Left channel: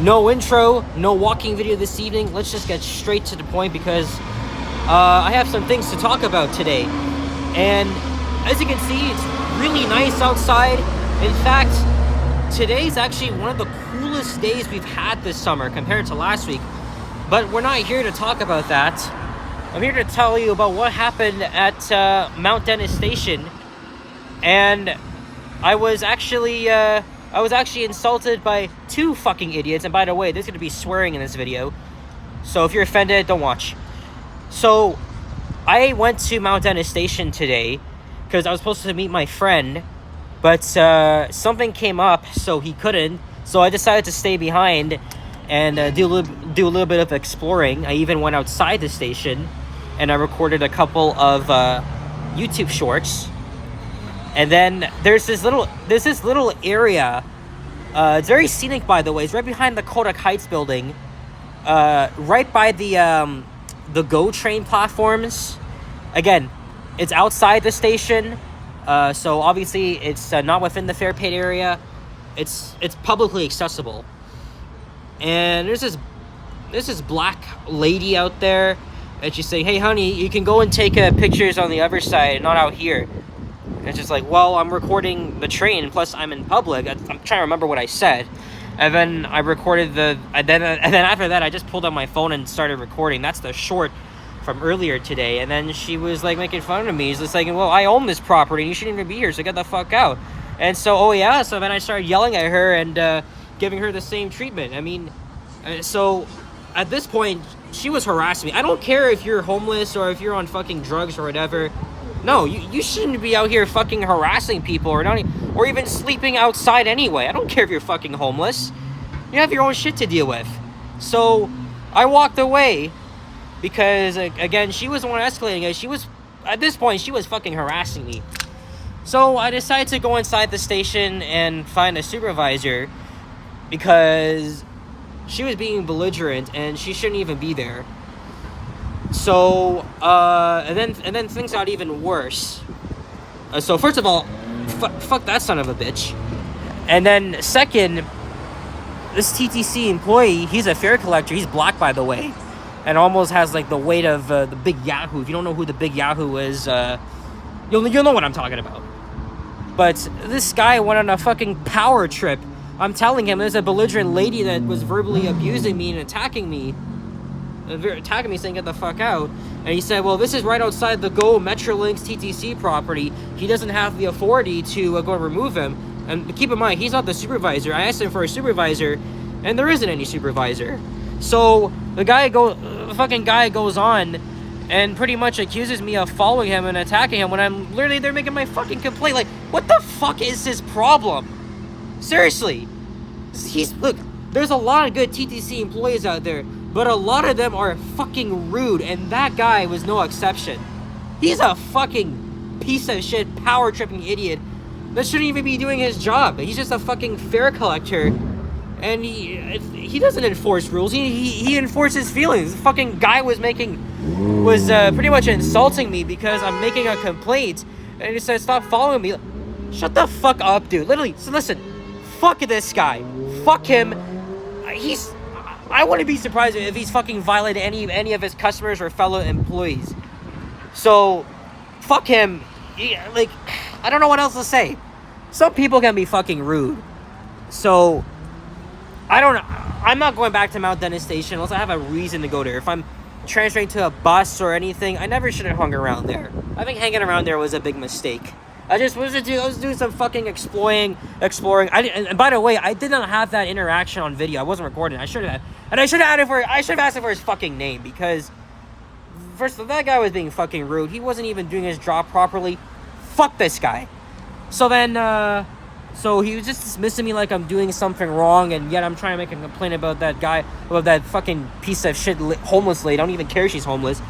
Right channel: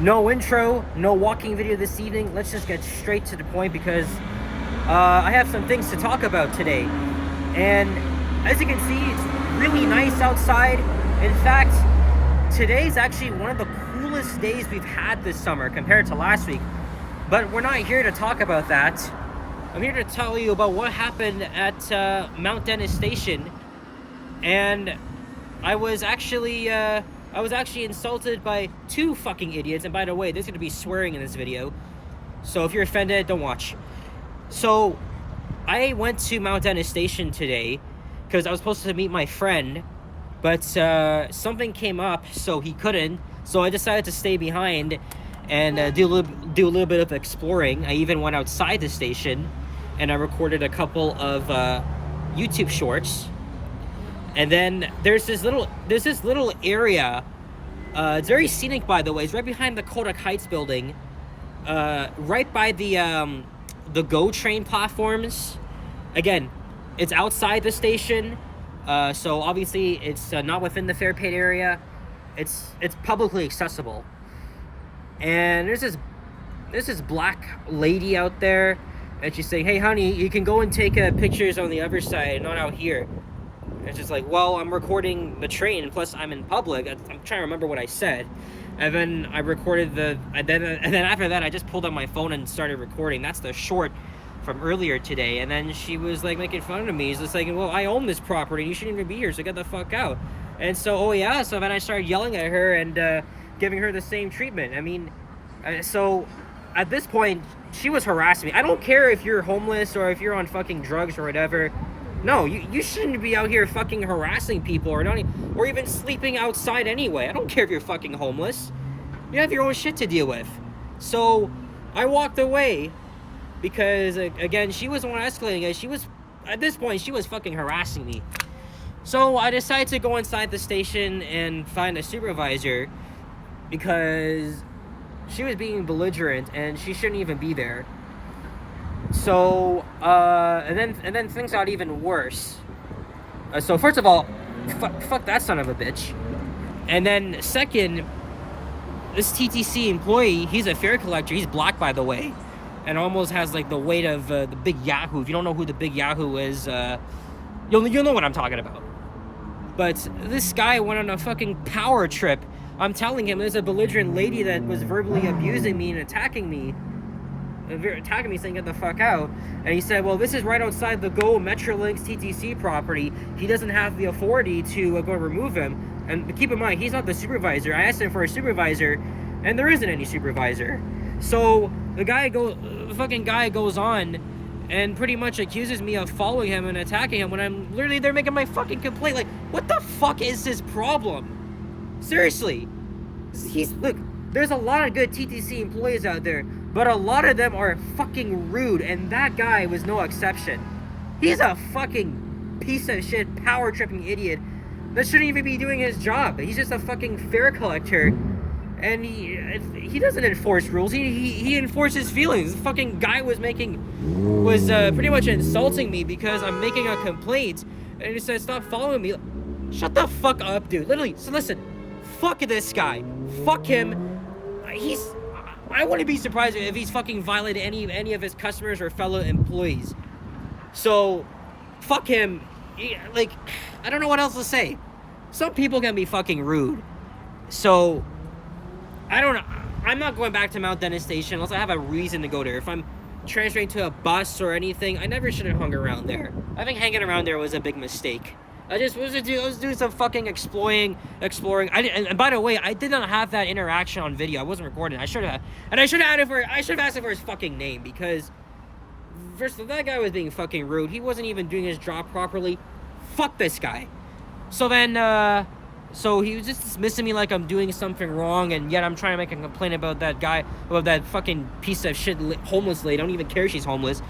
No intro, no walking video this evening. Let's just get straight to the point because I have some things to talk about today. And as you can see, it's really nice outside. In fact, today's actually one of the coolest days we've had this summer compared to last week. But we're not here to talk about that. I'm here to tell you about what happened at Mount Dennis Station. And I was actually insulted by two fucking idiots. And by the way, there's going to be swearing in this video. So if you're offended, don't watch. So I went to Mount Dennis Station today because I was supposed to meet my friend. But something came up, so he couldn't. So I decided to stay behind and do a little bit of exploring. I even went outside the station and I recorded a couple of YouTube shorts. And then there's this little area. It's very scenic, by the way. It's right behind the Kodak Heights building, right by the GO train platforms. Again, it's outside the station, so obviously it's not within the fare paid area. It's publicly accessible. And there's this black lady out there, and she's saying, "Hey, honey, you can go and take pictures on the other side, not out here." And it's just like, well, I'm recording the train, plus I'm in public. I'm trying to remember what I said. And then I recorded and then after that, I just pulled out my phone and started recording. That's the short from earlier today. And then she was like making fun of me. She's just like, well, I own this property and you shouldn't even be here, so get the fuck out. And so, so then I started yelling at her and giving her the same treatment. I mean, so at this point, she was harassing me. I don't care if you're homeless or if you're on fucking drugs or whatever. No, you shouldn't be out here fucking harassing people or even sleeping outside anyway. I don't care if you're fucking homeless. You have your own shit to deal with. So I walked away because, again, she was the one escalating it. At this point, she was fucking harassing me. So I decided to go inside the station and find a supervisor because she was being belligerent and she shouldn't even be there. So, and then things got even worse. So first of all, fuck that son of a bitch. And then second, this TTC employee, he's a fare collector. He's black, by the way, and almost has like the weight of the Big Yahoo. If you don't know who the Big Yahoo is, you'll know what I'm talking about. But this guy went on a fucking power trip. I'm telling him there's a belligerent lady that was verbally abusing me and attacking me, saying get the fuck out. And he said, well, this is right outside the GO Metrolinx TTC property. He doesn't have the authority to go and remove him. And keep in mind, he's not the supervisor. I asked him for a supervisor, and there isn't any supervisor. So the fucking guy goes on and pretty much accuses me of following him and attacking him when I'm literally there making my fucking complaint. Like, what the fuck is his problem? Seriously. Look, there's a lot of good TTC employees out there, but a lot of them are fucking rude, and that guy was no exception. He's a fucking piece of shit, power-tripping idiot that shouldn't even be doing his job. He's just a fucking fare collector, and he doesn't enforce rules. He enforces feelings. The fucking guy was pretty much insulting me because I'm making a complaint, and he said, stop following me. Shut the fuck up, dude. Literally, so listen, fuck this guy. Fuck him. I wouldn't be surprised if he's fucking violated any of his customers or fellow employees. So, fuck him. I don't know what else to say. Some people can be fucking rude. So, I don't know. I'm not going back to Mount Dennis Station unless I have a reason to go there. If I'm transferring to a bus or anything, I never should have hung around there. I think hanging around there was a big mistake. I was doing some fucking exploring. And by the way, I did not have that interaction on video. I wasn't recording. I should have asked him for his fucking name because first of all, that guy was being fucking rude. He wasn't even doing his job properly. Fuck this guy. So then, so he was just dismissing me like I'm doing something wrong, and yet I'm trying to make a complaint about that guy, about that fucking piece of shit homeless lady. I don't even care if she's homeless.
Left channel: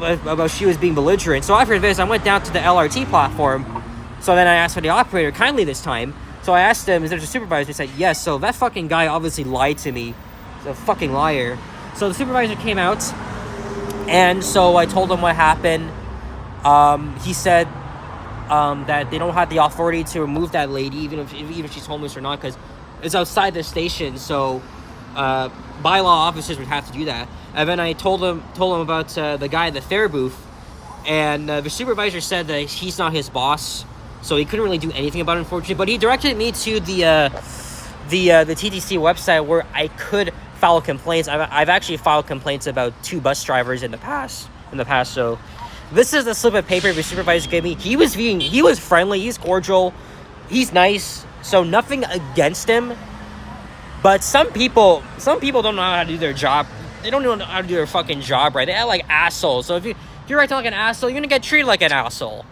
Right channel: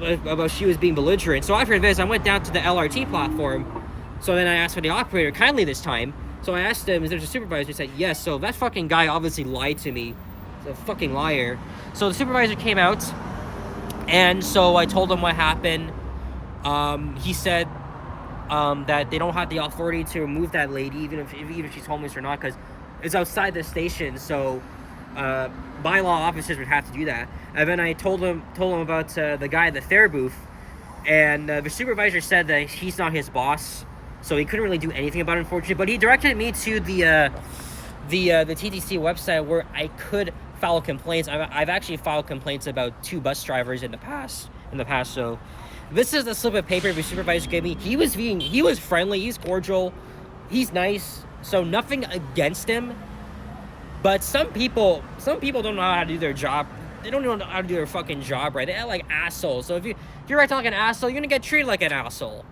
About she was being belligerent. So after this, I went down to the LRT platform. So then I asked for the operator kindly this time. So I asked him, is there a supervisor? He said, yes. So that fucking guy obviously lied to me. He's a fucking liar. So the supervisor came out, and so I told him what happened. He said that they don't have the authority to remove that lady, even if she's homeless or not, because is outside the station, so bylaw officers would have to do that. And then I told him about the guy at the fare booth, and the supervisor said that he's not his boss, so he couldn't really do anything about it, unfortunately. But he directed me to the TTC website where I could file complaints. I've actually filed complaints about 2 bus drivers in the past. So this is the slip of paper the supervisor gave me. He was friendly, he's cordial, he's nice, so nothing against him. But some people don't know how to do their job. They don't know how to do their fucking job right. They act like assholes. So if you're acting like an asshole, you're gonna get treated like an asshole.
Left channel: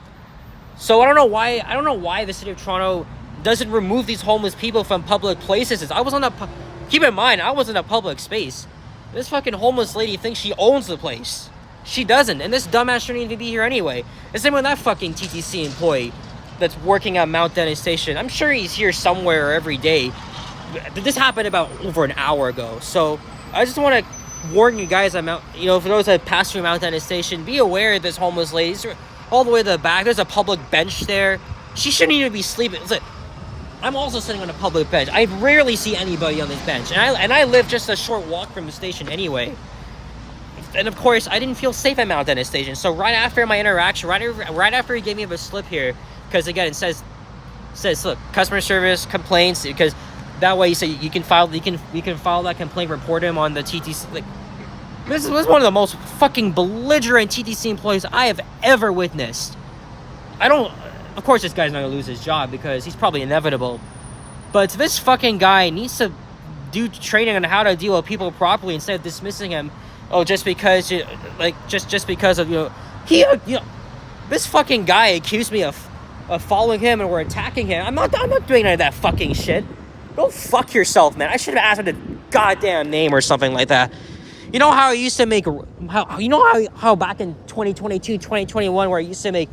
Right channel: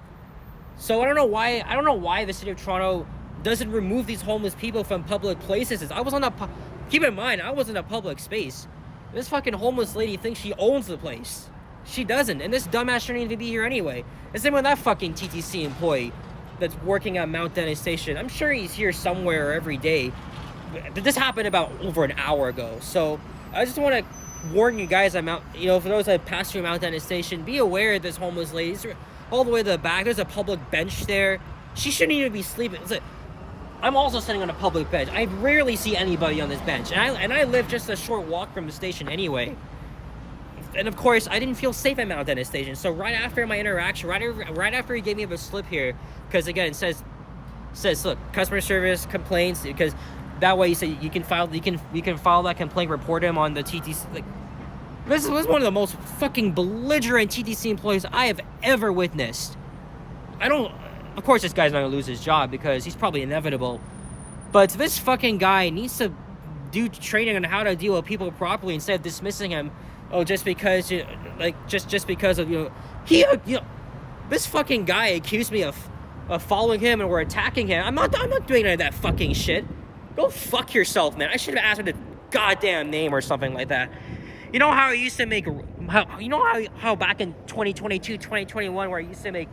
So I don't know why the city of Toronto doesn't remove these homeless people from public places. Keep in mind, I was in a public space. This fucking homeless lady thinks she owns the place. She doesn't, and this dumbass shouldn't even be here anyway. The same with that fucking TTC employee that's working at Mount Dennis Station. I'm sure he's here somewhere every day. This happened about over an hour ago. So I just want to warn you guys, for those that pass through Mount Dennis Station, be aware of this homeless lady. All the way to the back, there's a public bench there. She shouldn't even be sleeping. I'm also sitting on a public bench. I rarely see anybody on this bench, and I live just a short walk from the station anyway. And of course, I didn't feel safe at Mount Dennis Station. So right after my interaction, right after he gave me a slip here, because again it says look, customer service complaints, because that way you can file that complaint, report him on the TTC. Like, this was one of the most fucking belligerent TTC employees I have ever witnessed. Of course, this guy's not gonna lose his job because he's probably inevitable. But this fucking guy needs to do training on how to deal with people properly instead of dismissing him. Oh, just because because of this fucking guy accused me of following him and we're attacking him. I'm not doing any of that fucking shit. Go fuck yourself, man. I should have asked him the goddamn name or something like that. You know how I used to make how back in 2022, 2021 where I used to make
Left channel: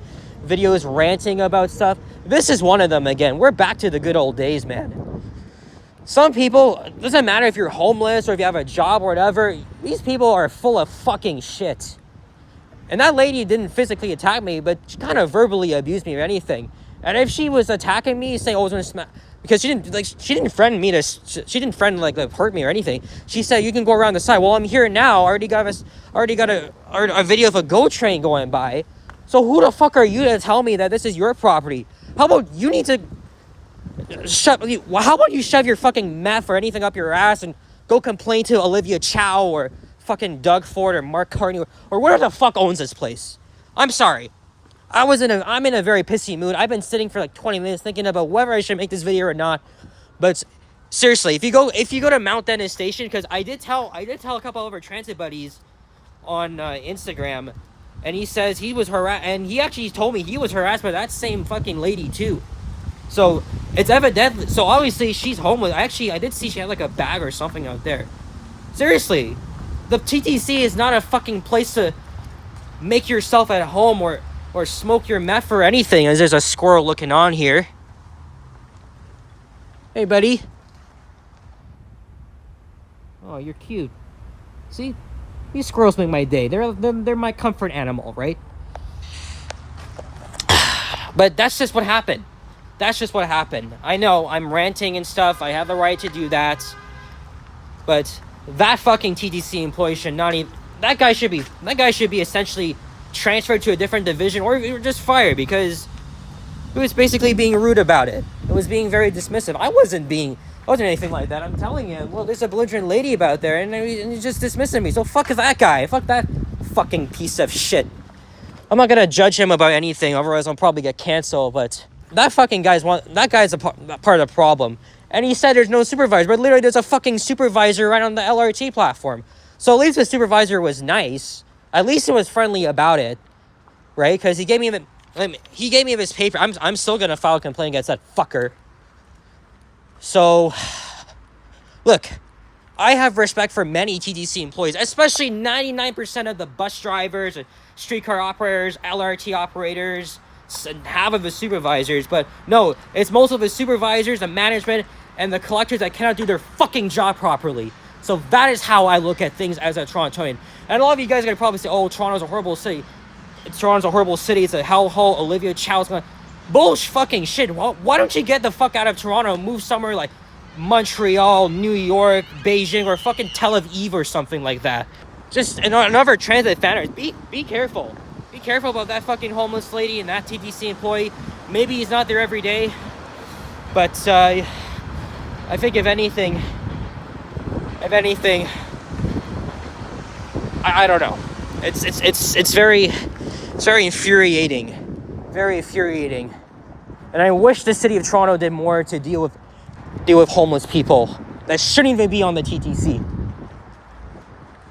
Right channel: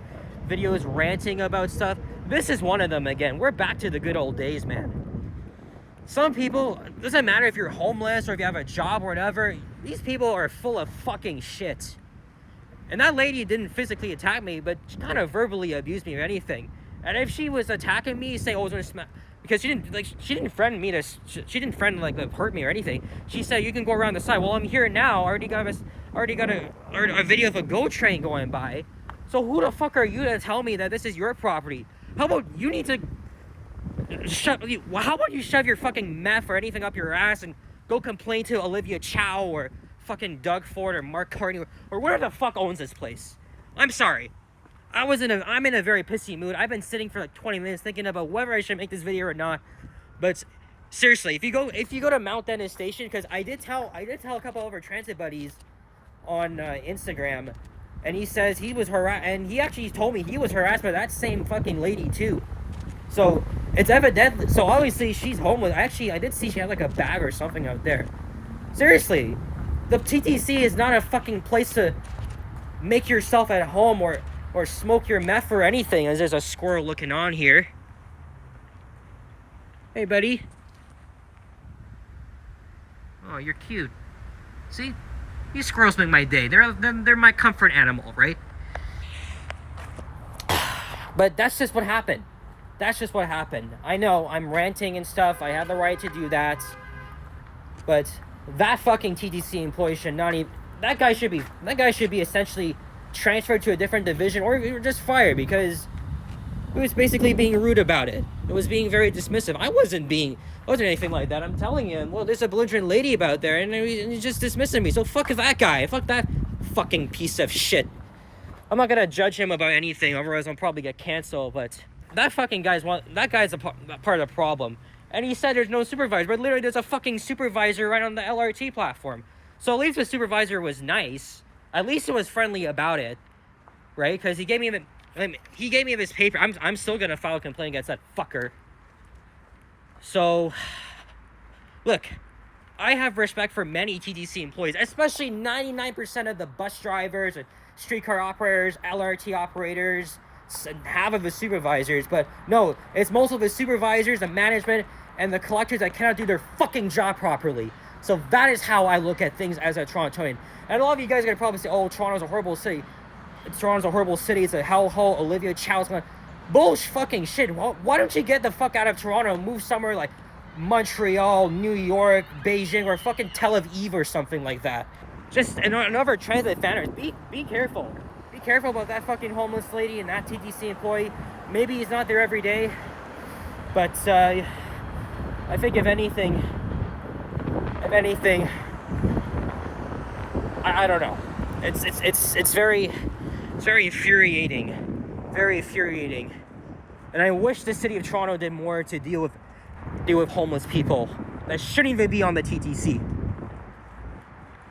videos ranting about stuff? This is one of them again. We're back to the good old days, man. Some people, doesn't matter if you're homeless or if you have a job or whatever, these people are full of fucking shit. And that lady didn't physically attack me, but she kind of verbally abused me or anything. And if she was attacking me, say, "Oh, I was gonna smack," because she didn't threaten me to hurt me or anything. She said, "You can go around the side." Well, I'm here now. I already got a video of a GO train going by. So who the fuck are you to tell me that this is your property? How about you shove your fucking meth or anything up your ass and go complain to Olivia Chow or fucking Doug Ford or Mark Carney or whatever the fuck owns this place. I'm sorry. I'm in a very pissy mood. I've been sitting for like 20 minutes thinking about whether I should make this video or not. But seriously, if you go to Mount Dennis Station, because I did tell a couple of our transit buddies on Instagram, and he says he was harassed, and he actually told me he was harassed by that same fucking lady too. So it's evidently, so obviously she's homeless. Actually, I did see she had like a bag or something out there. Seriously, the TTC is not a fucking place to make yourself at home or smoke your meth or anything. As there's a squirrel looking on here. Hey, buddy. Oh, you're cute. See? These squirrels make my day. They're my comfort animal, right? But that's just what happened. I know I'm ranting and stuff. I have the right to do that. But that fucking TTC employee should not even... That guy should be essentially transferred to a different division or just fired, because it was basically being rude about it. It was being very dismissive. I wasn't anything like that. I'm telling you, well, there's a belligerent lady about there, and he's just dismissing me. So fuck that guy. Fuck that fucking piece of shit. I'm not gonna judge him about anything, otherwise I'll probably get canceled. But that fucking guy's a part of the problem. And he said there's no supervisor, but literally there's a fucking supervisor right on the LRT platform. So at least the supervisor was nice. At least it was friendly about it, right? Because he gave me his paper. I'm still gonna file a complaint against that fucker. So, look, I have respect for many TTC employees, especially 99% of the bus drivers and streetcar operators, LRT operators, and half of the supervisors. But no, it's most of the supervisors, the management, and the collectors that cannot do their fucking job properly. So that is how I look at things as a Torontonian. And a lot of you guys are going to probably say, "Oh, Toronto's a horrible city. It's a hellhole. Olivia Chow's going..." Bullshit fucking shit. Why don't you get the fuck out of Toronto and move somewhere like Montreal, New York, Beijing, or fucking Tel Aviv or something like that. Just another transit fan. Be careful. Be careful about that fucking homeless lady and that TTC employee. Maybe he's not there every day, but I think if anything, I don't know. It's very infuriating, very infuriating. And I wish the city of Toronto did more to deal with homeless people that shouldn't even be on the TTC.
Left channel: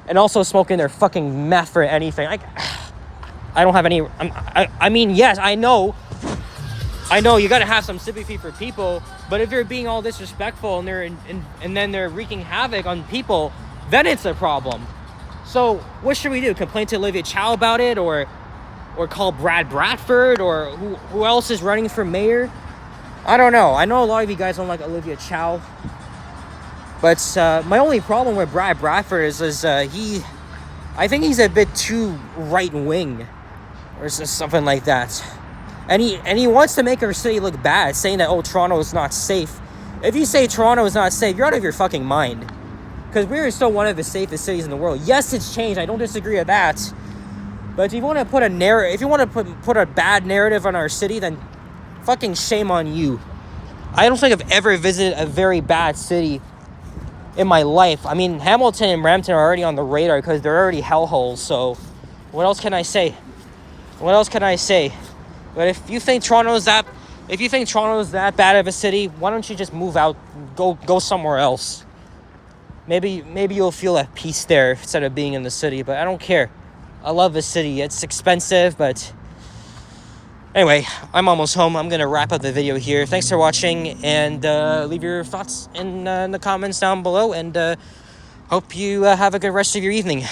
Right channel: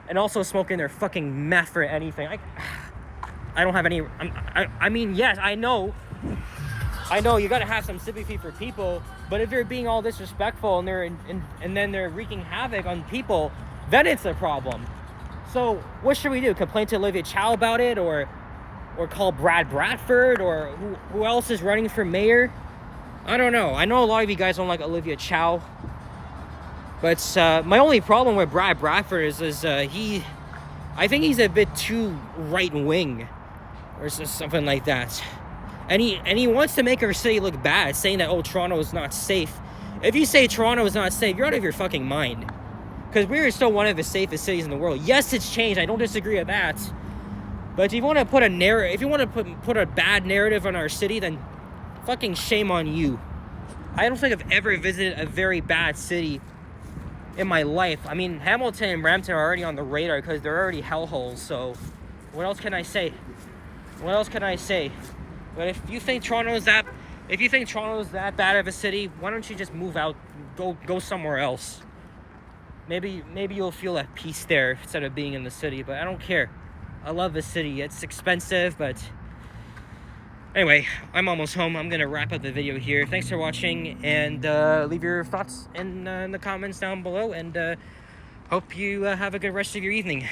And also smoking their fucking meth or anything. I don't have any. I mean, yes, I know you gotta have some sympathy for people, but if they're being all disrespectful and then they're wreaking havoc on people, then it's a problem. So what should we do? Complain to Olivia Chow about it, or call Brad Bradford, or who else is running for mayor? I don't know. I know a lot of you guys don't like Olivia Chow, but my only problem with Brad Bradford is I think he's a bit too right wing, or something like that. And he wants to make our city look bad, saying that, oh, Toronto is not safe. If you say Toronto is not safe, you're out of your fucking mind. Because we're still one of the safest cities in the world. Yes, it's changed. I don't disagree with that. But if you want to put a bad narrative on our city, then fucking shame on you. I don't think I've ever visited a very bad city in my life. I mean, Hamilton and Brampton are already on the radar because they're already hellholes. So what else can I say? But if you think Toronto is that bad of a city, why don't you just move out, go somewhere else? Maybe you'll feel at peace there instead of being in the city. But I don't care. I love the city. It's expensive, but anyway, I'm almost home. I'm gonna wrap up the video here. Thanks for watching, and leave your thoughts in the comments down below. And hope you have a good rest of your evening.